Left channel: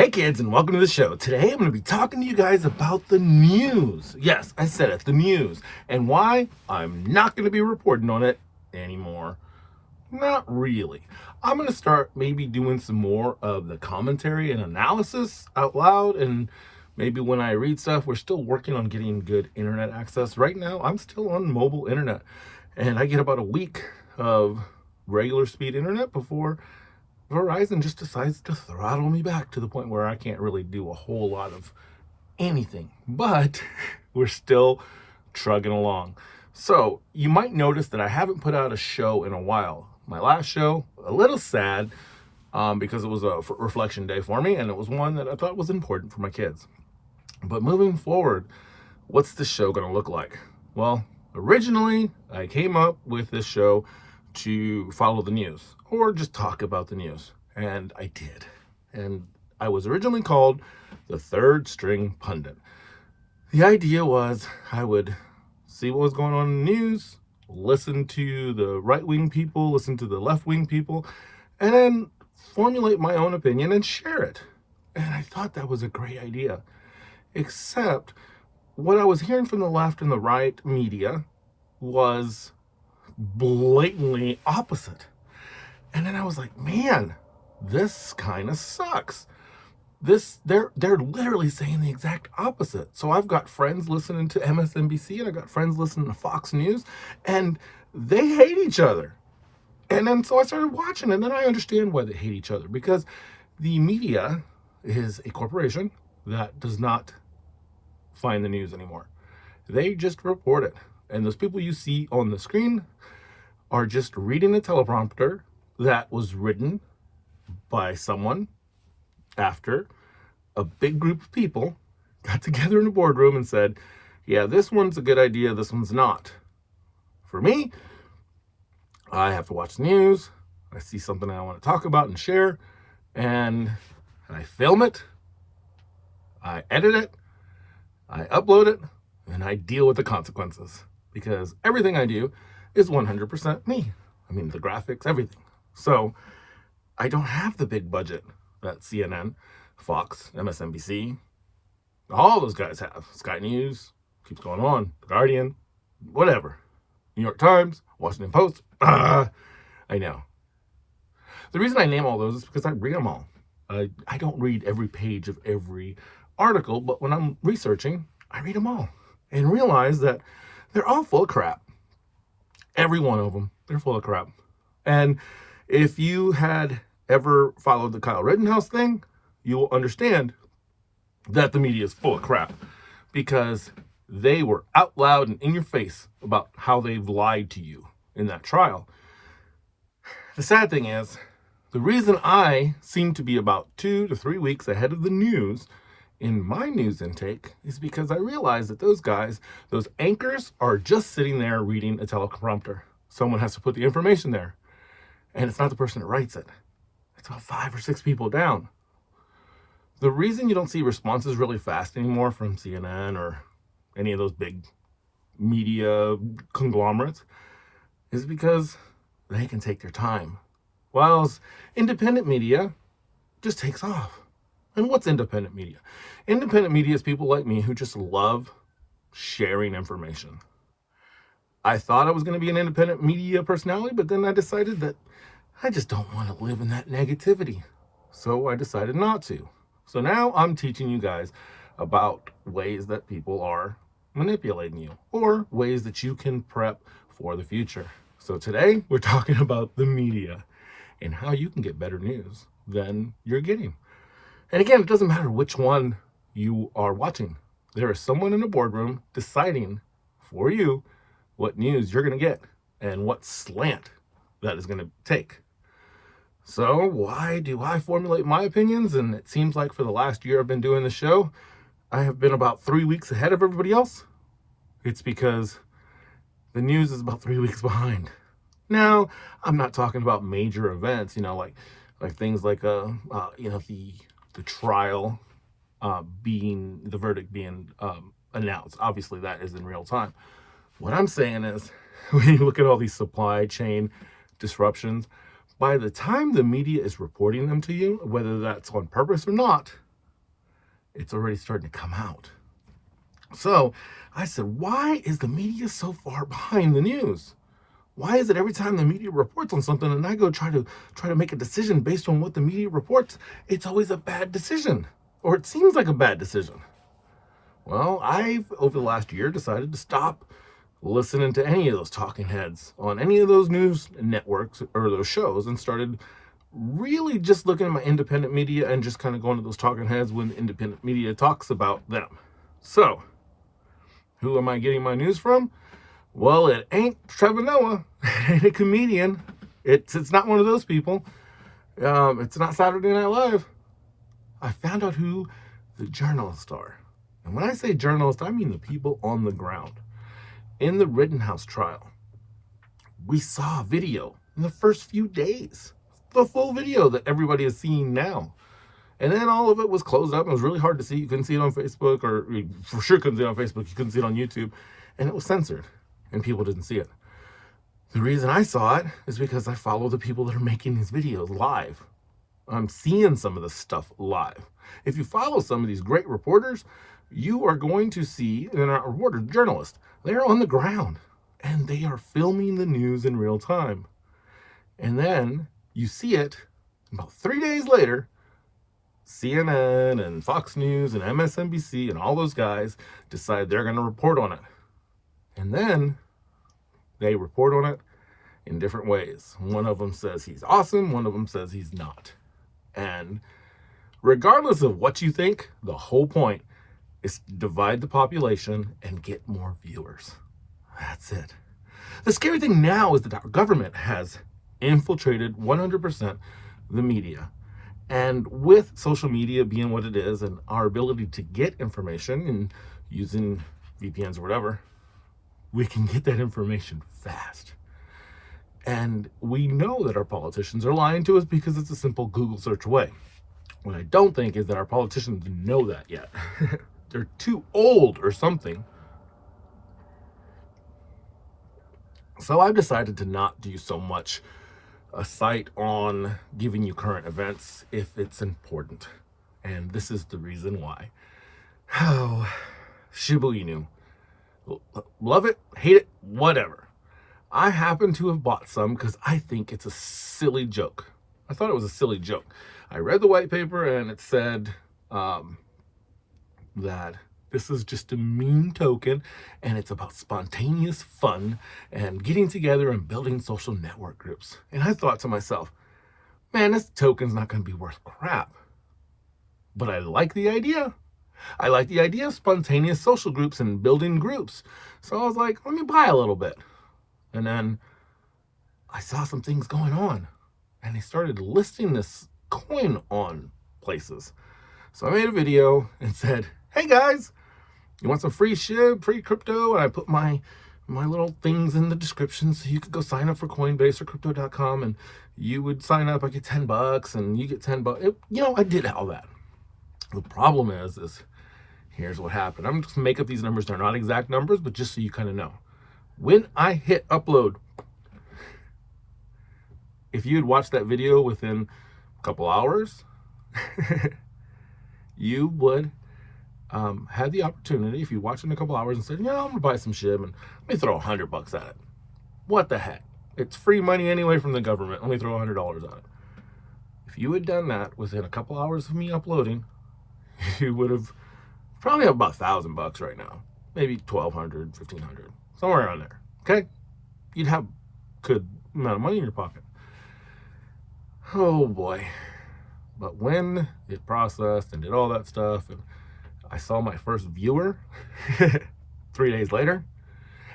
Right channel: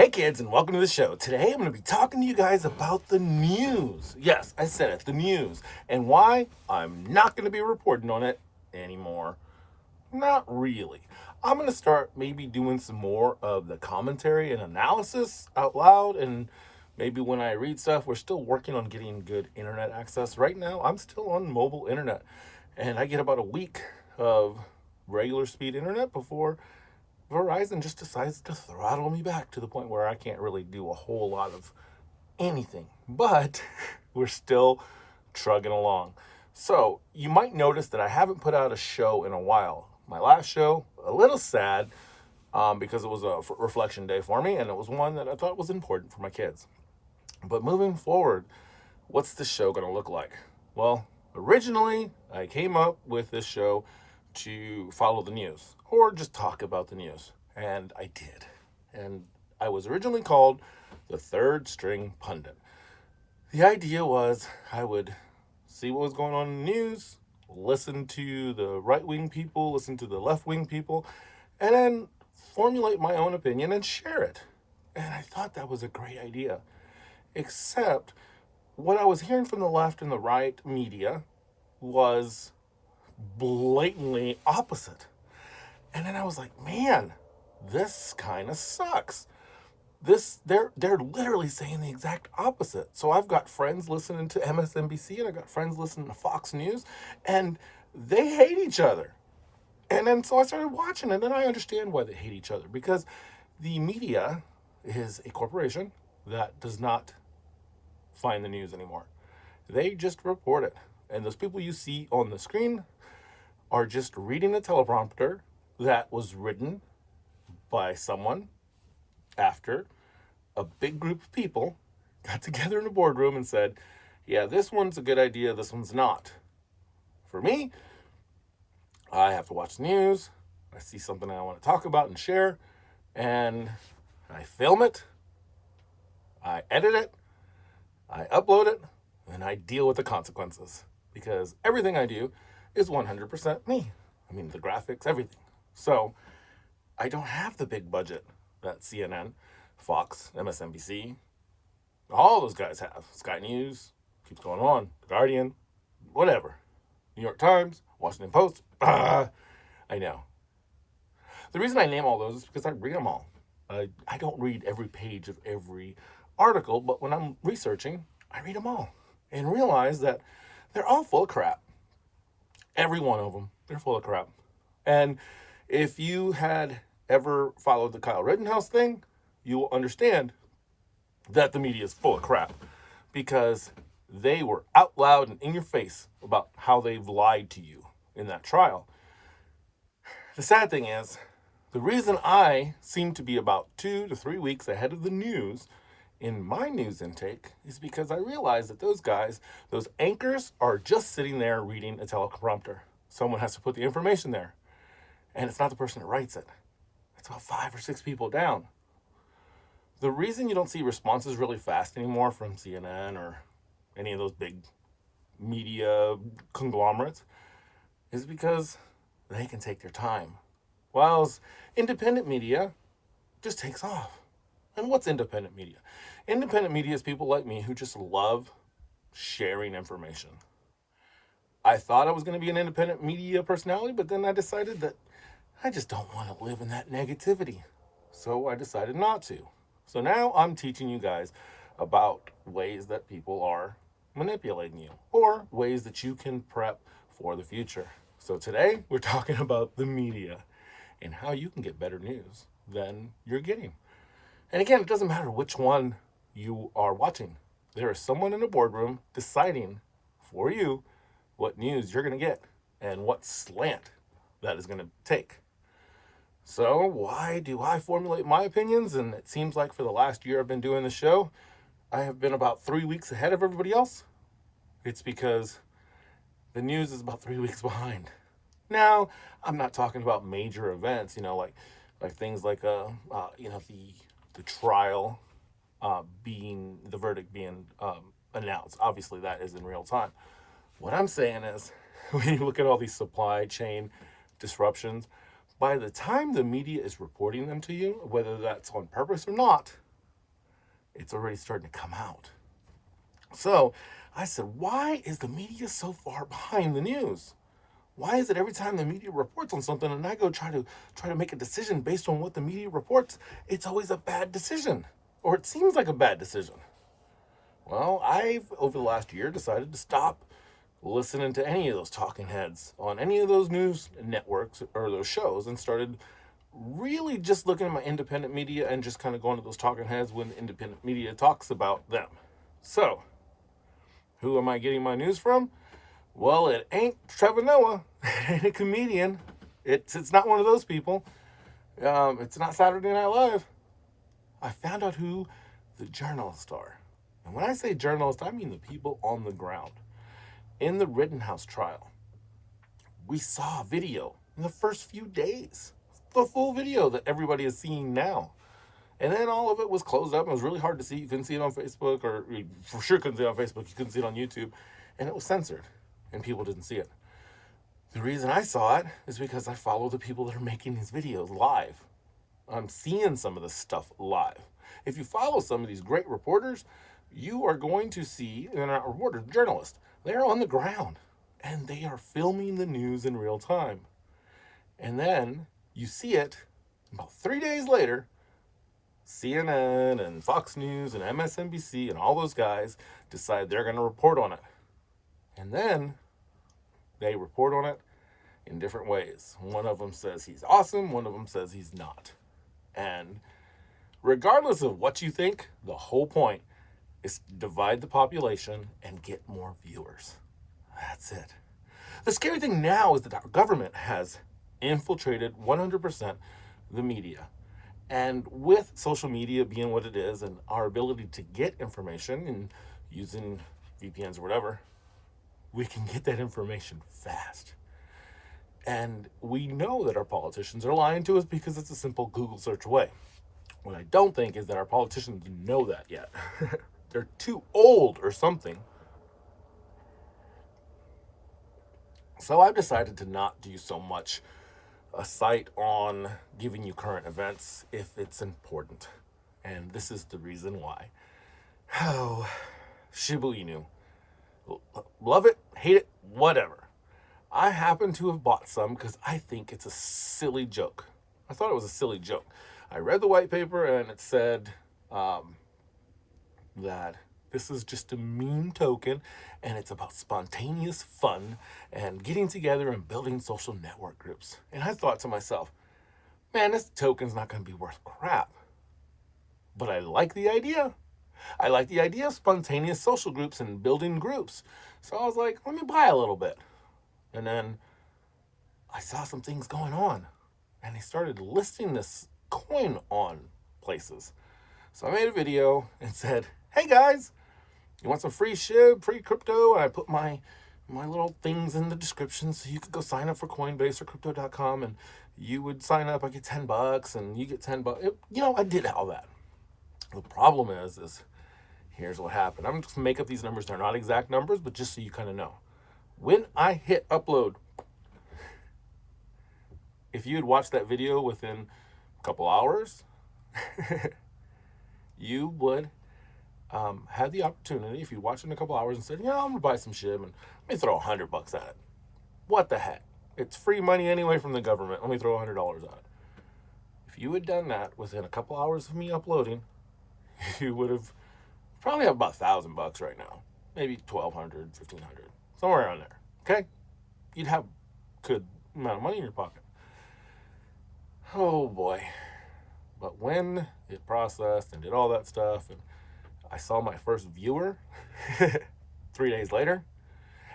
Hey kids, and welcome to the show. Today I'm going to be talking to you guys about the news. Yes, I said it, the news. And why I'm not going to be reporting on it anymore. Not really. I'm going to start maybe doing some more of the commentary and analysis out loud. And maybe when I read stuff, we're still working on getting good internet access. Right now, I'm still on mobile internet. And I get about a week of regular speed internet before Verizon just decides to throttle me back to the point where I can't really do a whole lot of anything. But we're still trugging along. So you might notice that I haven't put out a show in a while. My last show, a little sad, because it was a reflection day for me, and it was one that I thought was important for my kids. But moving forward, what's this show going to look like? Well, originally I came up with this show to follow the news or just talk about the news, and I did. And I was originally called the Third String Pundit. The idea was I would see what was going on in the news, listen to the right-wing people, listen to the left-wing people, and then formulate my own opinion and share it. And I thought that was a great idea. Except what I was hearing from the left and the right media was blatantly opposite. And then I was like, man, this kind of sucks. They're literally saying the exact opposite. So I've got friends listening to MSNBC and I've got friends listening to Fox News, and they hate each other. And then so I started watching, and then I understand why they hate each other, because the media is a corporation that does not find the news anymore. They just report it. And those people you see on the screen are just reading a teleprompter that was written by someone after a big group of people got together in a boardroom and said, yeah, this one's a good idea, this one's not. For me, I have to watch the news, I see something I want to talk about and share, and I film it, I edit it, I upload it, and I deal with the consequences. Because everything I do is 100% me. I mean, the graphics, everything. So I don't have the big budget that CNN, Fox, MSNBC, all those guys have. Sky News, keeps going on, The Guardian, whatever. New York Times, Washington Post. I know. The reason I name all those is because I read them all. I don't read every page of every article, but when I'm researching, I read them all and realize that they're all full of crap. Every one of them, they're full of crap. And if you had ever followed the Kyle Rittenhouse thing, you will understand that the media is full of crap, because they were out loud and in your face about how they've lied to you in that trial. The sad thing is, the reason I seem to be about 2 to 3 weeks ahead of the news in my news intake is because I realize that those guys, those anchors, are just sitting there reading a teleprompter. Someone has to put the information there. And it's not the person that writes it. It's about 5 or 6 people down. The reason you don't see responses really fast anymore from CNN or any of those big media conglomerates is because they can take their time. Whilst independent media just takes off. And what's independent media? Independent media is people like me who just love sharing information. I thought I was going to be an independent media personality, but then I decided that I just don't want to live in that negativity. So I decided not to. So now I'm teaching you guys about ways that people are manipulating you, or ways that you can prep for the future. So today we're talking about the media and how you can get better news than you're getting. And again, it doesn't matter which one you are watching. There is someone in a boardroom deciding for you what news you're going to get and what slant that is going to take. So why do I formulate my opinions? And it seems like for the last year I've been doing the show, I have been about 3 weeks ahead of everybody else. It's because the news is about 3 weeks behind. Now, I'm not talking about major events, like things like the trial the verdict being announced. Obviously, that is in real time. What I'm saying is, when you look at all these supply chain disruptions, by the time the media is reporting them to you, whether that's on purpose or not, it's already starting to come out. So I said, why is the media so far behind the news? Why is it every time the media reports on something and I go try to make a decision based on what the media reports, it's always a bad decision, or it seems like a bad decision? Well, I've, over the last year, decided to stop listening to any of those talking heads on any of those news networks or those shows, and started really just looking at my independent media and just kind of going to those talking heads when the independent media talks about them. So, who am I getting my news from? Well, it ain't Trevor Noah. It ain't a comedian. It's not one of those people. It's not Saturday Night Live. I found out who the journalists are. And when I say journalists, I mean the people on the ground. In the Rittenhouse trial, we saw a video in the first few days. The full video that everybody is seeing now. And then all of it was closed up. It was really hard to see. You couldn't see it on Facebook, or you for sure couldn't see it on Facebook. You couldn't see it on YouTube. And it was censored, and people didn't see it. The reason I saw it is because I follow the people that are making these videos live. I'm seeing some of this stuff live. If you follow some of these great reporters, you are going to see, they're not reporters, journalists. They're on the ground, and they are filming the news in real time. And then you see it about 3 days later. CNN and Fox News and MSNBC and all those guys decide they're going to report on it. And then they report on it in different ways. One of them says he's awesome. One of them says he's not. And regardless of what you think, the whole point is to divide the population and get more viewers. That's it. The scary thing now is that our government has infiltrated 100% the media. And with social media being what it is, and our ability to get information and using VPNs or whatever, we can get that information fast. And we know that our politicians are lying to us because it's a simple Google search away. What I don't think is that our politicians know that yet. They're too old or something. So I've decided to not do so much a site on giving you current events if it's important. And this is the reason why. Oh, Shiba Inu. Love it, hate it, whatever. I happen to have bought some because I think it's a silly joke. I thought it was a silly joke. I read the white paper and it said that this is just a meme token, and it's about spontaneous fun and getting together and building social network groups. And I thought to myself, man, this token's not going to be worth crap. But I like the idea. I like the idea of spontaneous social groups and building groups. So I was like, let me buy a little bit. And then I saw some things going on, and they started listing this coin on places. So I made a video and said, hey guys, you want some free SHIB, free crypto? And I put my little things in the description so you could go sign up for COINBASE or crypto.com, and you would sign up. I get $10 and you get $10. I did all that. The problem is here's what happened. I'm just make up these numbers. They're not exact numbers, but just so you kind of know. When I hit upload, if you had watched that video within a couple hours, you would had the opportunity, if you watched in a couple hours and said, I'm going to buy some SHIB and let me throw $100 at it. What the heck? It's free money anyway from the government. Let me throw $100 on it. If you had done that within a couple hours of me uploading, you would have probably have about $1,000 right now. Maybe $1,200, $1,500, somewhere around there. Okay? You'd have good amount of money in your pocket. Oh boy. But when it processed and did all that stuff, and I saw my first viewer 3 days later,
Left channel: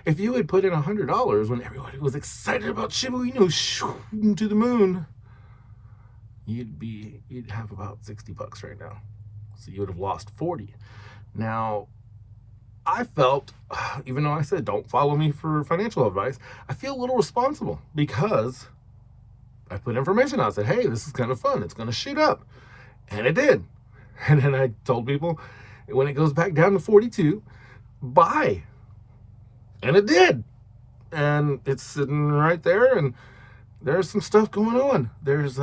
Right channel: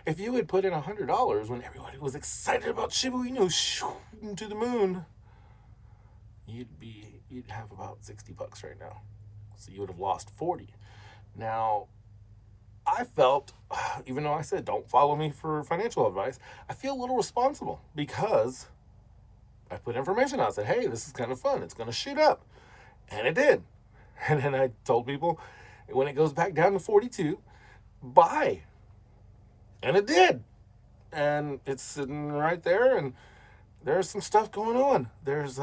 if you had put in $100 when everybody was excited about Shiba Inu shooting to the moon, you'd have about $60 right now. So you would have lost 40. Now, I felt, even though I said don't follow me for financial advice, I feel a little responsible because I put information out. I said, hey, this is kind of fun. It's going to shoot up. And it did. And then I told people, when it goes back down to 42, buy. And it did. And it's sitting right there, and there's some stuff going on. There's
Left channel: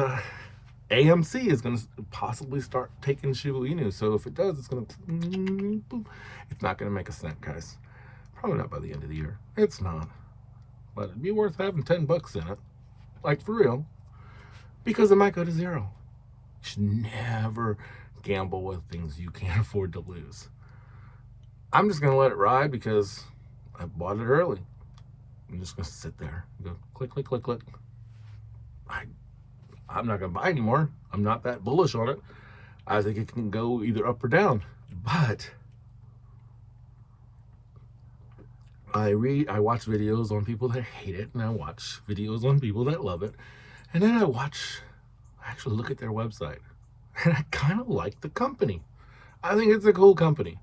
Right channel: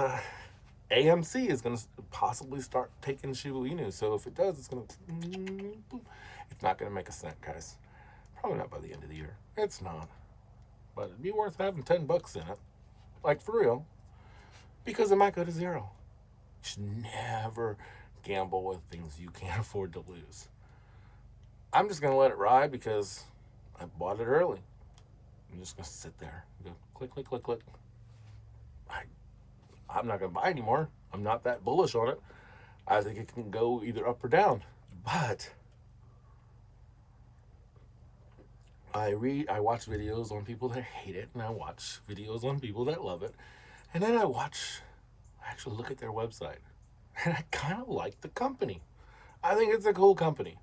AMC is going to possibly start taking Shiba Inu. So if it does, it's going to, it's not going to make a cent, guys. Probably not by the end of the year. It's not. But it'd be worth having $10 in it. Like, for real. Because it might go to zero. You should never gamble with things you can't afford to lose. I'm just going to let it ride because I bought it early. I'm just going to sit there and go click, click, click, click. I'm not going to buy anymore. I'm not that bullish on it. I think it can go either up or down. But I watch videos on people that hate it, and I watch videos on people that love it. And then I actually look at their website. And I kind of like the company. I think it's a cool company.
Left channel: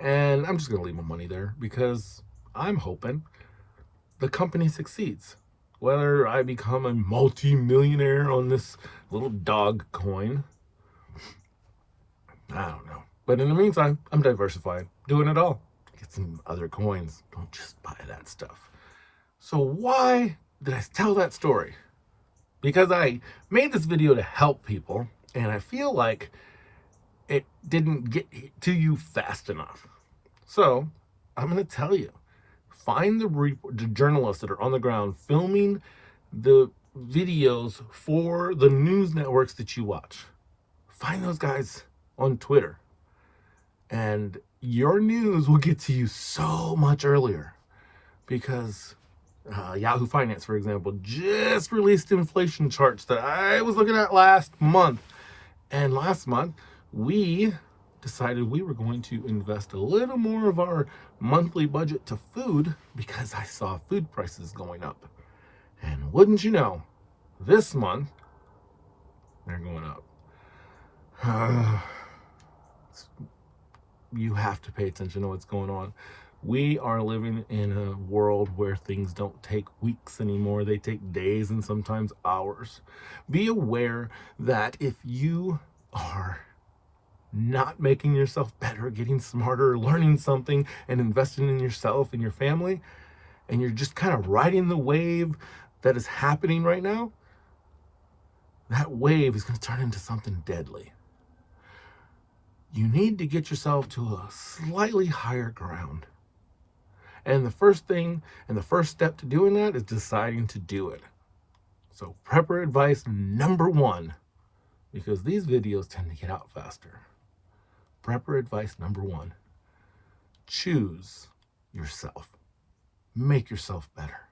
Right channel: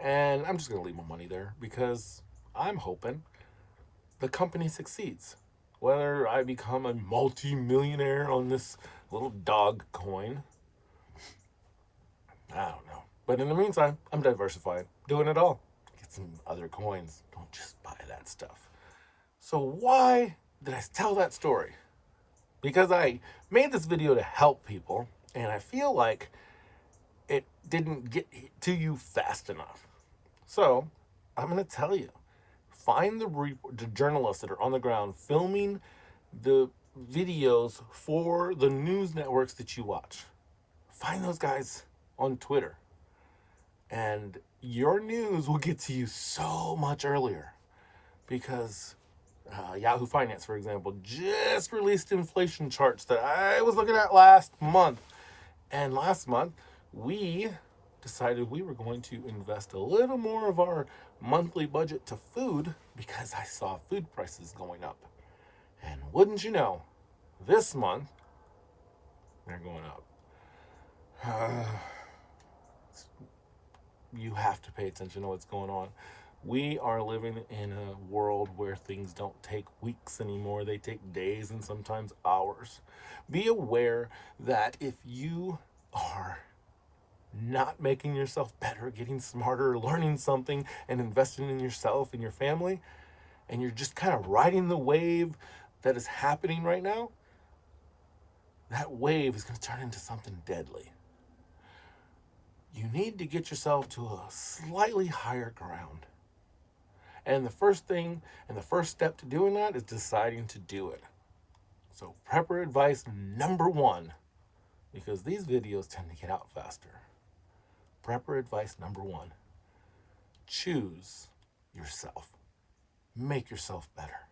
And I'm just going to leave my money there because I'm hoping the company succeeds. Whether I become a multi-millionaire on this little dog coin, I don't know. But in the meantime, I'm diversifying, doing it all. Get some other coins. Don't just buy that stuff. So why did I tell that story? Because I made this video to help people, and I feel like it didn't get to you fast enough. So I'm going to tell you. Find the journalists that are on the ground filming the videos for the news networks that you watch. Find those guys on Twitter. And your news will get to you so much earlier. Because Yahoo Finance, for example, just released inflation charts that I was looking at last month. And last month, we decided we were going to invest a little more of our monthly budget to food because I saw food prices going up. And wouldn't you know, this month, they're going up. You have to pay attention to what's going on. We are living in a world where things don't take weeks anymore. They take days and sometimes hours. Be aware that if you are not making yourself better, getting smarter, learning something, and investing in yourself and your family, and you're just kind of riding the wave that is happening right now, that wave is going to turn into something deadly. You need to get yourself to a slightly higher ground. And the first thing and the first step to doing that is deciding to do it. So prepper advice number 1, because these videos tend to get out faster. Prepper advice number 1, choose yourself. Make yourself better.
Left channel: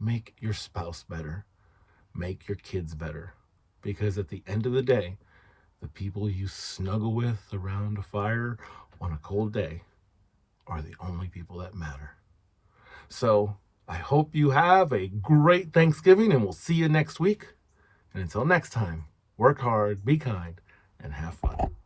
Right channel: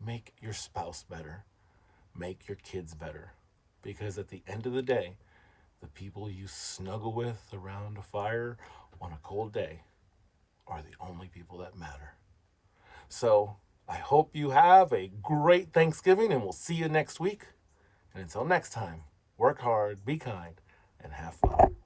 Make your spouse better. Make your kids better. Because at the end of the day, the people you snuggle with around a fire on a cold day are the only people that matter. So I hope you have a great Thanksgiving, and we'll see you next week. And until next time, work hard, be kind, and have fun.